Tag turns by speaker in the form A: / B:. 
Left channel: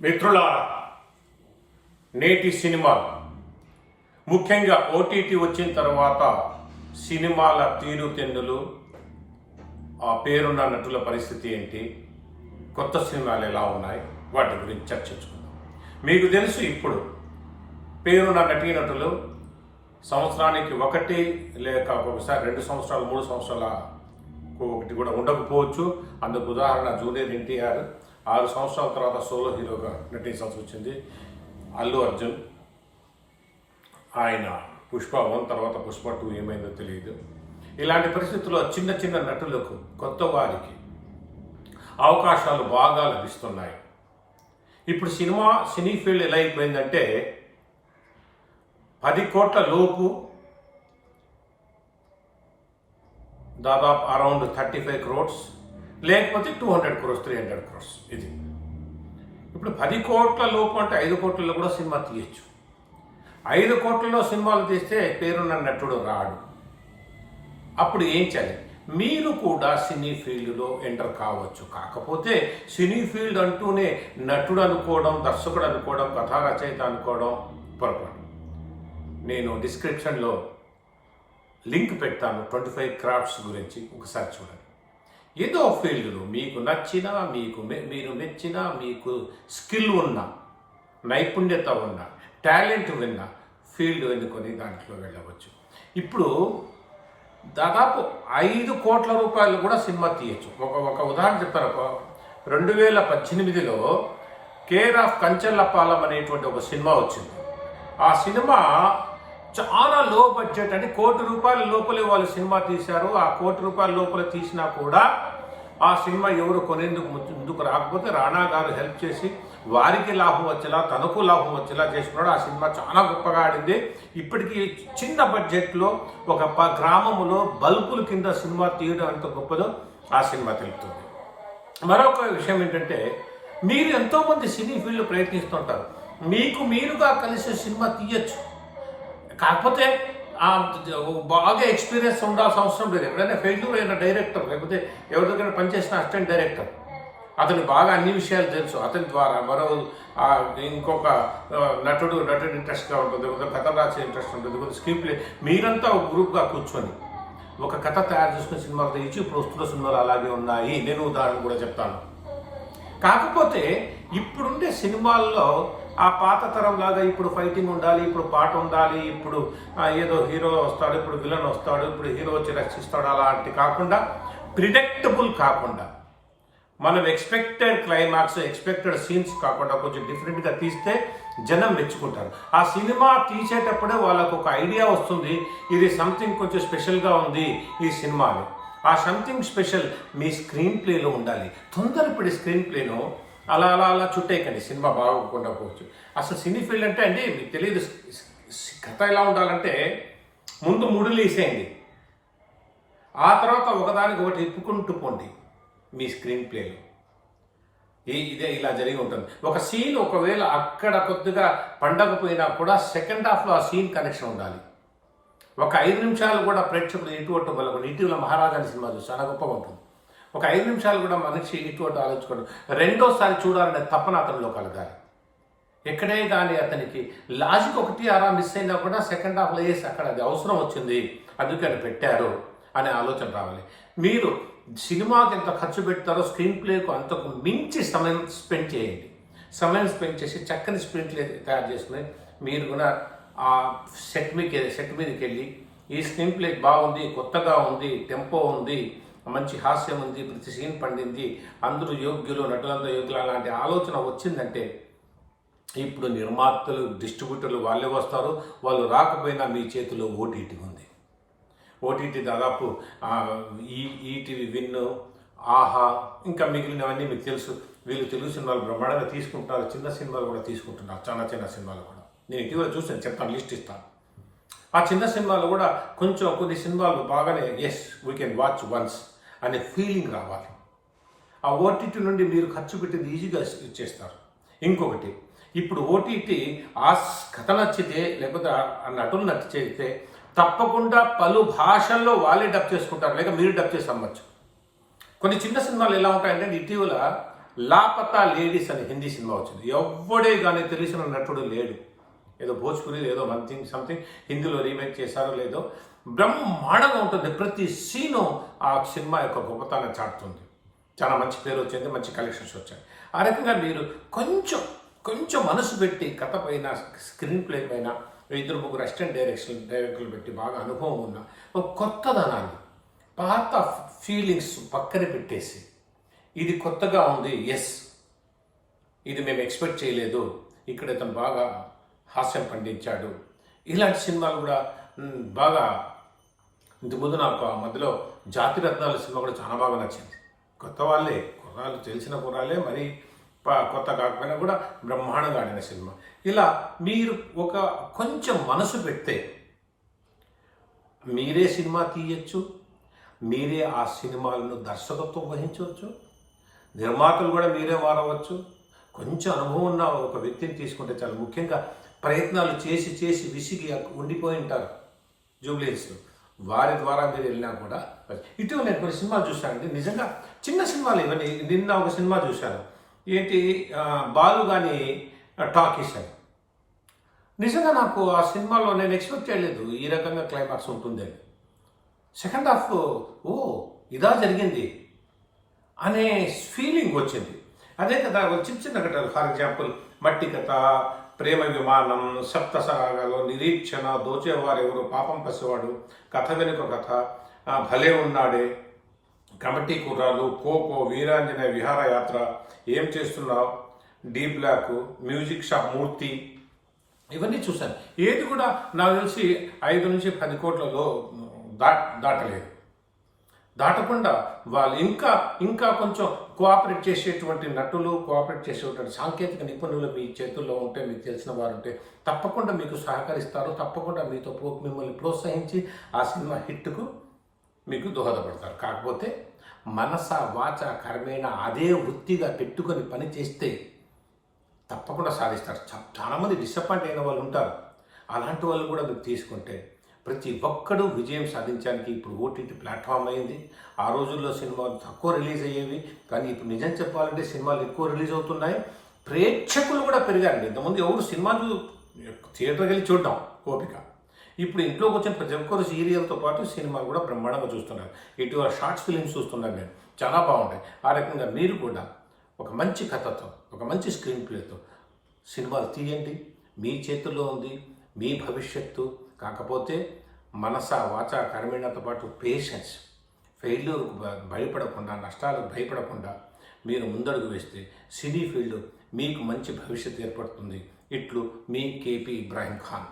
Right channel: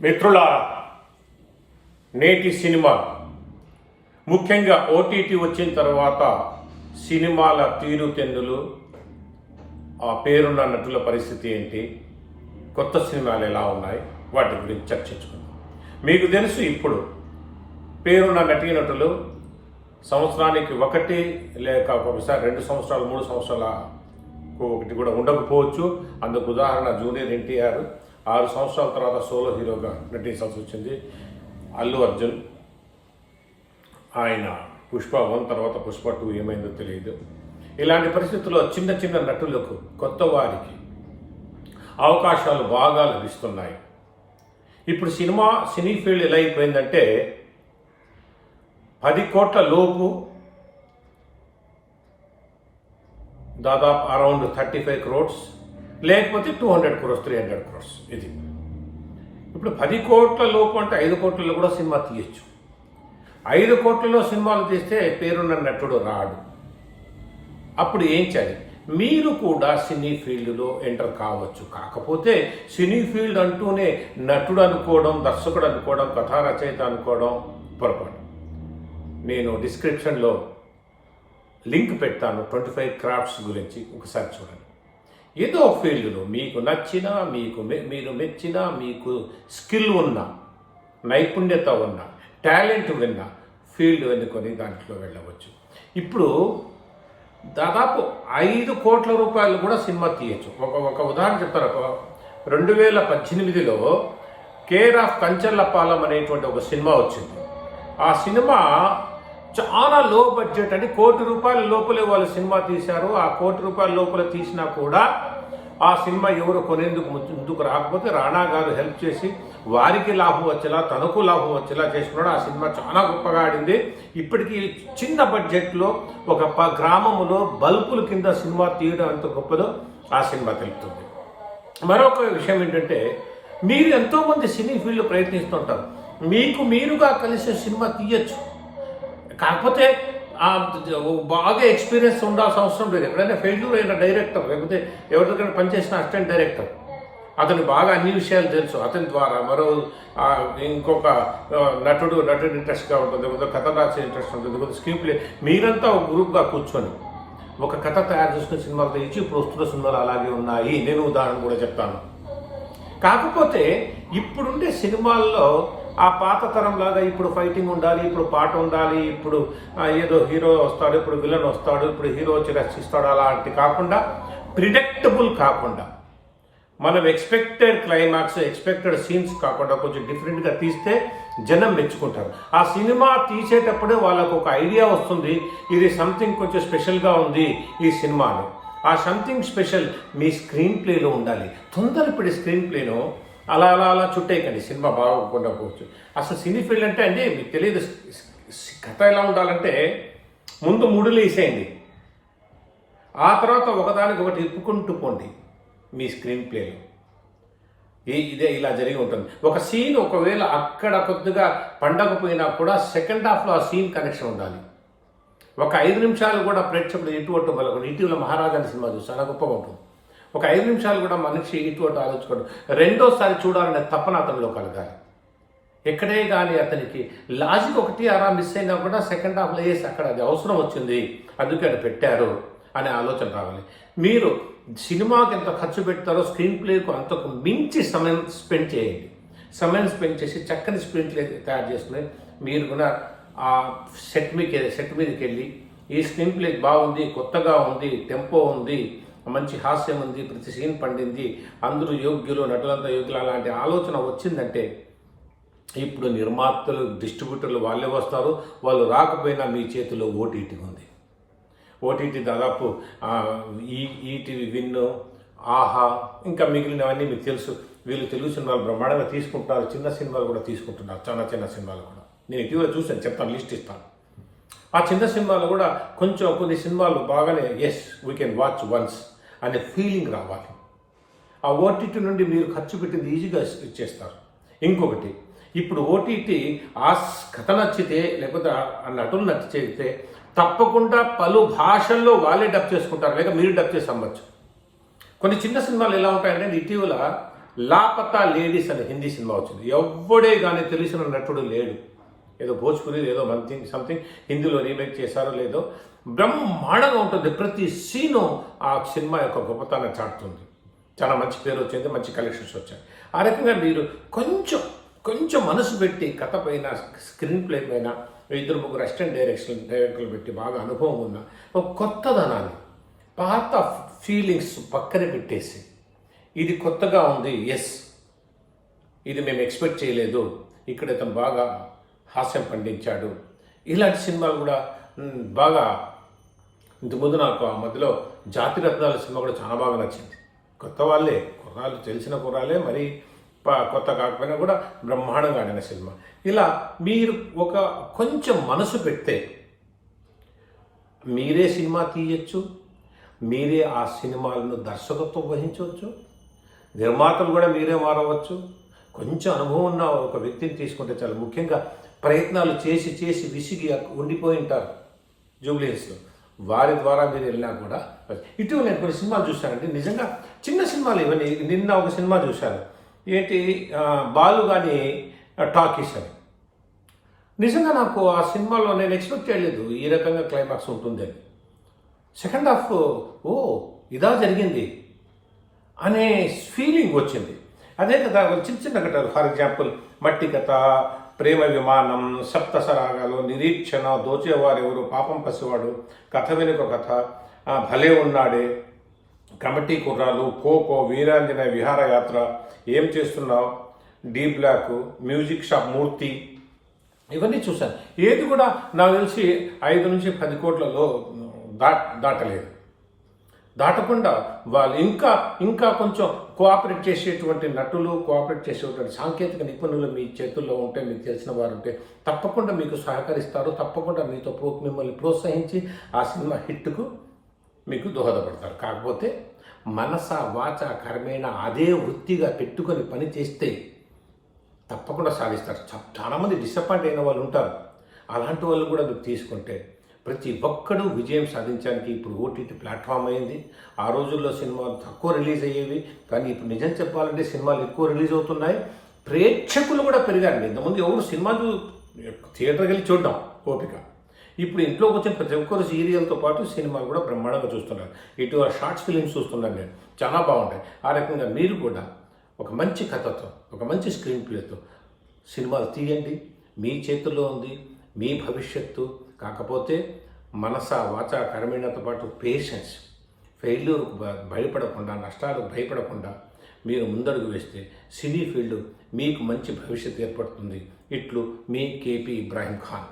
A: మిత్రులారా నేటి సినిమా ముఖ్యంగా ఓటీటీ వచ్చిన తర్వాత సినిమాల తీరుతెన్నులు ఆ పేరున్న నటుల పరిస్థితి ఏంటి కొత్త సినిమాలు ఎలా ఉన్నాయి వాటి గురించి చర్చించుకుందాం. మీకు తెలుసు ఇప్పుడు పేరున్న నటీనటులు సంవత్సరానికి ఒకటి లేక ఒకసారి రెండు సంవత్సరాలు మూడు సంవత్సరాల ఒకటి కూడా ఉండకపోవచ్చు. అందుకు ఉదాహరణ జూనియర్ ఎన్టీఆర్ ఆరు సంవత్సరాల తర్వాత సోలో హీరోగా నటించాల్సి వచ్చింది అల్లు అర్జున్. ఆయన పుష్ప వన్ తర్వాత పుష్ప టూ ఏమైందో తెలియదు. ఇలాంటి పరిస్థితుల్లో చిన్న చిన్న నటులకు కొత్త వారికి అవకాశాలు బాగా లభిస్తున్నాయి. ఇప్పుడు సినిమా సినీ ఫీల్డ్ ఎలా అయిపోయిందంటే పది కోట్ల లోపు దాదాపు అరౌండ్ థర్టీ ఫైవ్ క్రోడ్స్ లేకపోతే two hundred crores three hundred crores ఇది. ఇప్పుడు పది కోట్ల లోపు అంటే ఐదు కోట్లలో కూడా సినిమా తీయచ్చు. ఐదు కోట్లలో సినిమాలు తీస్తే పేరున్న నటుడు రాడు. అప్పుడు ఏం చేయాలి? మీరు కూడా సినీ ఫీల్డ్లో ఎంటర్ కావచ్చు. కాకపోతే సినీ ఫీల్డ్ అంటూనే నటుడు అనుకోవడం దర్శకుడు అనుకోవడం కథా రచయిత అనుకోవడం పొరపాటు. నేను డిస్క్రిప్షన్లో లింక్ పెడతాను ట్వంటీ ఫైవ్ క్రాఫ్ట్స్ గురించి. ఒకసారి చూడండి. ఏదో ఫీల్డ్లో మీకు నచ్చిన మీకు మీరు మెచ్చిన మీకు స్కిల్ ఉన్న నైపుణ్యత ఉన్న టాలెంట్ ఉన్న ఫీల్డ్ ఎన్నుకొని దాంట్లో వెళ్ళవచ్చు. ఇప్పుడు దాదాపు ఐదు కోట్ల రూపాయలు కూడా సినిమా తీయచ్చు. ఒక ఒక ఉదాహరణ చెప్తాను. రెండు వేల పద్దెనిమిదిలో కేర్ ఆఫ్ కంచర్లపాలెం అనేటువంటి ఒక సినిమా వచ్చింది. ఆ సినిమా చాలా లో బడ్జెట్ అంటే కోటి రూపాయల లోపలే వాళ్ళు సినిమా తీశారు. ఆ కోటి రూపాయల లోపల తీసినా కూడా ఆ సినిమా ఎవరు కొనేందుకు ముందుకు రాకపోతే రాణా గారు హెల్ప్ చేసి వారికి లాభం వచ్చేలా తనకు లాభం వచ్చేలా చేసుకున్నాడు. ఆ సినిమా చాలా గొప్పగా ఆడింది. ఇప్పటికీ చిన్న బడ్జెట్లో ఒక ప గ్రామములో బల్బుల కింద సినిమా తీయడం ఎంత గొప్పదో ఆ సినిమా తెలుపుతుంది. మరొక విషయం ఏంటంటే మీరు ఎంతోమంది సినీ ఫీల్డ్ ప్రయత్నిస్తుంటారు. మీకు మీరుగా కలిసి సినిమా తీయచ్చు. కాకపోతే బాగా ఎక్స్పీరియన్స్ ఉండాల్సిన అవసరం లేదు. ఎక్కడైనా ఫెయిల్యూర్ అయిన డైరెక్టర్ లేకపోతే ఎవరి దగ్గర పనిచేసిన అసిస్టెంట్ డైరెక్టర్ అతను బాగా అన్ని విషయాలు తెలుసు. అతని ద్వారా మరో ఇంకొక నటుడు నటుడు ఇంట్రెస్ట్గా ఉంటుంది కొంత కథ రాసే ఇంట్రెస్ట్ ఉంటుంది కొంత స్క్రీన్ మీరంతా ఒక గ్రూప్గా కూర్చొని ఒక కథ తయారు చేసుకున్న సినిమాలు తెచ్చి ఇప్పుడు వస్తున్న సినిమాలు అలాగే ఉన్నాయి. నేను ఉదాహరణ కూడా చెప్తాను. కాకపోతే ఇప్పుడుండే సినిమాల్లో ఆ పాత తరం లాగా ఇప్పుడు ఫైటింగ్ ఉండాలి ఇప్పుడు పాట ఉండాలి ఇప్పుడు ఏదో హీరో వస్తాడు ఇప్పుడు విలన్ వస్తాడు ఇప్పుడు హీరో వచ్చి రక్షిస్తాడు అలాంటి కాకుండా ప్రిడక్టబుల్ కాకుండా మనం ఎక్స్పెక్టెడ్ క్లైమాక్స్ ఎక్స్పెక్టెడ్ సీన్స్ కాకుండా కొంచెం డిఫరెంట్గా తీస్తే జనం మెచ్చుకుంటారు. ఆ సినిమా తీసేటప్పుడే వాళ్ళకు ఒక ఐడియా వస్తుంది ఇది సంథింగ్ కొంచెం స్పెషల్గా ఉంది ఈ సినిమాని ఆ సంథింగ్ స్పెషల్ మీ స్క్రీన్ ప్లేలో ఉండాలి. తొందరపడి స్క్రీన్ ప్లేను అలా అలా అలా చుట్టేయకండి. సినిమా బాగోకుండా పోవచ్చు. అసలు సినీ ఫీల్డ్ అంటే అండి మీకు తెలియదు కథ ఎలా ఉండాలంటే ముందు ముడులు వేసేయండి. ఆ తర్వాత ఒకదానికి ఒకటి ఇప్పుకుంటూ పోండి మీ స్క్రీన్ ప్లేలో. ఈ ఇదే ఇలా జరిగి ఉంటుంది. ఒక సీన్ ఒకవేళ అక్కడ కొద్దిగా పండకపోయినా కూడా సెకండ్ హాఫ్లో ఆ సీన్ కనెక్షన్ ఉండాలి. ఒక ఐదు నిమిషాలు కూడా ప్రేక్షకులు ఇటువంటి వాళ్ళకు ఇటీవల మహారాజా సినిమా చూసి చాలా గొప్పగా ఉంటుంది. ఒక ఐదు నిమిషాలు కూడా మనిషి ఇటువంటి ఆలోచించుకోడు రెండోసారి చూడాలనే తపన అతనిలో కలగాలి. ఎక్కడే కానీ అతనికి లాజిక్ ఒకటి అలా మిస్ అయినా కూడా సెకండ్ హాఫ్లో వేసి అక్కడ అది అవసరం వచ్చింది అందుకే అది పెట్టారు అనే ఆలోచన రావాలి. మీరు సినిమాకి ఎంత ఖర్చు పెడతారో స్క్రీన్ ప్లేకు అంతకు మించి సమయం స్పెండ్ చేయండి. సమయం స్పెండ్ చేసి చక్కని స్క్రీన్ ప్లే తయారు చేసుకుని మీరు కూడా ఆ సెట్ మీకు సెట్ మీదకి వెళ్ళి ఈ స్క్రీన్ ప్లే బాగుంది కొత్తగా ఉంది టెంపో ఉంది మంచి హాస్యం ఉంది ప్రతి సీన్ పండింది అందరూ యోగ్యులు నటులంతా యోగ్యులు. అలాంటి ఆలోచన వచ్చిందంటే ఇప్పుడు నిర్మాతలు డిస్ట్రిబ్యూటర్లు వాళ్ళే వస్తారు. వాళ్ళు రాకపోయినా మీ చేతిలో ఓటీటీ ఉంది. ఓటీటీ దాదాపు ఈ ఈటీవీ విన్ను ఆహా ఇంకా మిగిలినవన్నీ మీకు తెలుసు. వీళ్ళు తెలుగు సినిమాలు బ్రహ్మాండంగా తీసుకుంటున్నారు. చిన్న సినిమాలు కూడా తీసుకుంటున్నారు. చాలా చిన్న సినిమాలు కూడా. నేను ఇటీవల చూసాను చెప్తాను లిస్ట్ ఇస్తాను. ఆ చిన్న సినిమాలు కూడా కొంచెం కొన్ని సినిమాలు బాగానే yes we can watch once అనే ఫీలింగ్ రావాలి. ఆ ఓటీటీ నుండి మీరు ఖర్చు పెట్టింది ఈజీగా ఇచ్చేస్తారు. ఇంకొకటి ఇప్పుడు ఓటీటీ ఆ కథ నచ్చితే లేకపోతే ఆ- నటులు నచ్చితే తప్పకుండా పలు భాషల్లో వాళ్ళే డబ్ చేసుకుంటారు. లేక మీరు డబ్ చేసి అమ్మచ్చు. కొన్ని చిన్న సినిమాలు ఎలా ఉంటాయంటే ఇటీవల లాపతా లేడీస్ అనే హిందీ సినిమా వచ్చింది. ఎవ్వడే కానీ తెలిసిన నటుడు లేడు. ఏదో భోజ్పురి ఏదో సంథింగ్ సంథింగ్ హిందీలో రీమేక్ చేశారో లేదో బ్రహ్మాండంగా ఉంటుంది. ప్రతి సీను ఆ సినిమా యొక్క గొప్పతనం చాటుతుంది. చాలా మంచి పేరు వచ్చింది మంచి కలెక్షన్స్ వచ్చాయి. ఆ రకంగా మీరు కొంచెం కొంచెం మనసు పెట్టి కథ పైన స్క్రీన్ ప్లే పైన ఇద్దరు ముగ్గురు అసిస్టెంట్ డైరెక్షన్ డైరెక్టర్లు పెట్టి బాగా అనుభవం ఉన్న ఒక కొత్తదనాన్ని పాత ఫీలింగ్స్ పక్కన పెట్టేసి ఇది కొత్తగా ఉంది ఎస్ ఇది మేము ఎక్స్పెక్ట్ చేయలేదు ఇక్కడ ఇతను బాగా హాస్యం పండించాడు. ఇలాంటి సినిమాలు కూడా బాగా ఇంతకుముందు నాకు ఆ మధ్యలో జాతి రత్నాల సినిమా కూడా చాలా బాగా నచ్చింది. కొత్త వాళ్ళే కుర్రాలు తెలిసిన కుర్రాలే మరి కొత్త కాకపోయినా కూడా బ్రహ్మాండంగా ఆడిన సినిమా. ఇలా మీరు ఒక కొంచెం మనసు పెడితే మీరే సినిమా తీయచ్చు మీరే ఆ సినిమాలను దర్శకత్వం వహించవచ్చు నిర్మాతలు కూడా మీరే మారవచ్చు కొంచెం అనుభవం ఉన్న ఒక వ్యక్తిని తీసుకుంటే చాలా. ముఖ్యంగా ప్రయత్నాలు చేసి చేసి విసిగి ఉండిపోయి ఉంటారు జూబ్లీహిల్స్లో వారి ద్వారా మీరు వెళ్ళినా కూడా ఇటీవల నేను కొన్ని సినిమాలు చూశానంటే నిజంగా చిన్న సినిమాలు ఇవన్నీ నిన్న ఒక సినిమా చూశాను. ఏంటి బాలు కానీ టాకీస్ అని. నిజంగా నాకు ఆ సినిమాలో నేను ఎక్స్పెక్ట్ చేయలేదు ఈ రకంగా క్లైమాక్స్ ఉంటుందని. సెకండ్ హాఫ్ ఓ ఇదా జరిగింది అనే ఫీలింగ్ వచ్చింది. అదే కదా చిన్న చిన్న కథ ఫర్ ఎగ్జాంపుల్ మట్టి కథ ప్రేమ విమానం సప్తసరాగాలు నిరీక్షణ దోచేవారెవరు పాపం పసివాడు కథ వెనుక కథ భలే ఉన్నాడే కమిటీ కుర్రాలు కోకో వీరాంజన విహారయాత్ర ఏం చేస్తున్నావు? D block music shop Murthy. ఇవన్నీ చూశాను. ఏది కూడా నాకు తెలిసి ఐదు నుంచి పది కోట్లలో దా దాటలేదు. దాటకుండా వాళ్ళు ఇంకా ఇంకా కొంచెం కోఆపరేట్ చేసేటువంటి నటులు కోఆపరేట్ చేసేటువంటి సాంకేతిక నిపుణులు మీ చేతుల్లో ఉంటే మీకు తెలిసిన వారు ఉంటే తప్పకుండా మీకు సహకరిస్తారు. తప్పకుండా మీతో ప్రో మిమ్మల్ని ప్రోత్సహించి ఆ సినిమా హిట్కు మీకు దోహదపడతారు. కాకపోతే మనస వాచ కర్మేణ అదే వృత్తిగా పెట్టుకొని పని చేస్తే తప్పకుండా సాధిస్తారు. చాలామంది డిసప్పాయింట్ అయిన వాళ్ళు ఉంటారు. అలాంటి వాళ్ళు కూడా మీరు తీసుకుంటే ప్రతి ఒక్కడూ విజయం సాధించడానికి ఇప్పుడు ఓటీటీ ప్లాట్ఫామ్ అయింది. ఆ రోజుల్లో సినిమాలు తక్కువ రిలీజ్ అయ్యేవి కానీ ఇప్పుడు నిజం చెప్పాలంటే సినిమాలు ఎక్కువ రిలీజ్ అవుతున్నాయి. ప్రేక్షకులు కూడా పెరిగారండి. ఇంతకుముందు ఎవరు సినిమాలు చూ థియేటర్కి వెళ్ళి చూడడం ఓపిక. ఇప్పుడు ఇంట్లోకి వచ్చిన ప్రతి ఒక్కరు సీరియల్తో పాటు సినిమాలు కూడా బ్రహ్మాండంగా చూస్తున్నారు. ఇటు షార్ట్స్ ఫిలిమ్స్ చూస్తున్నాను నేను. చాలా బాగుంటాయి. ఆ రకంగా మీరు కూడా ఒక మంచి కథతో ఒక మంచి స్క్రీన్ ప్లేతో సినిమాలు తీయండి. మీ చేతుల్లో ఉంది మీ భవిష్యత్తు కాకపోతే మనస వాచ కర్మీణతో పాటు పేషెన్స్ ఫెయిల్యూర్కు భయపడకుండా నష్టాలకు భయపడకుండా మీరు ముందడుగు వేస్తే సినీ ఫీల్డ్ మీకు మంచి భవిష్యత్తు ఏర్పడుతుంది. ఇట్లు మీ కేపీ ఇబ్రాహీం ఖాన్.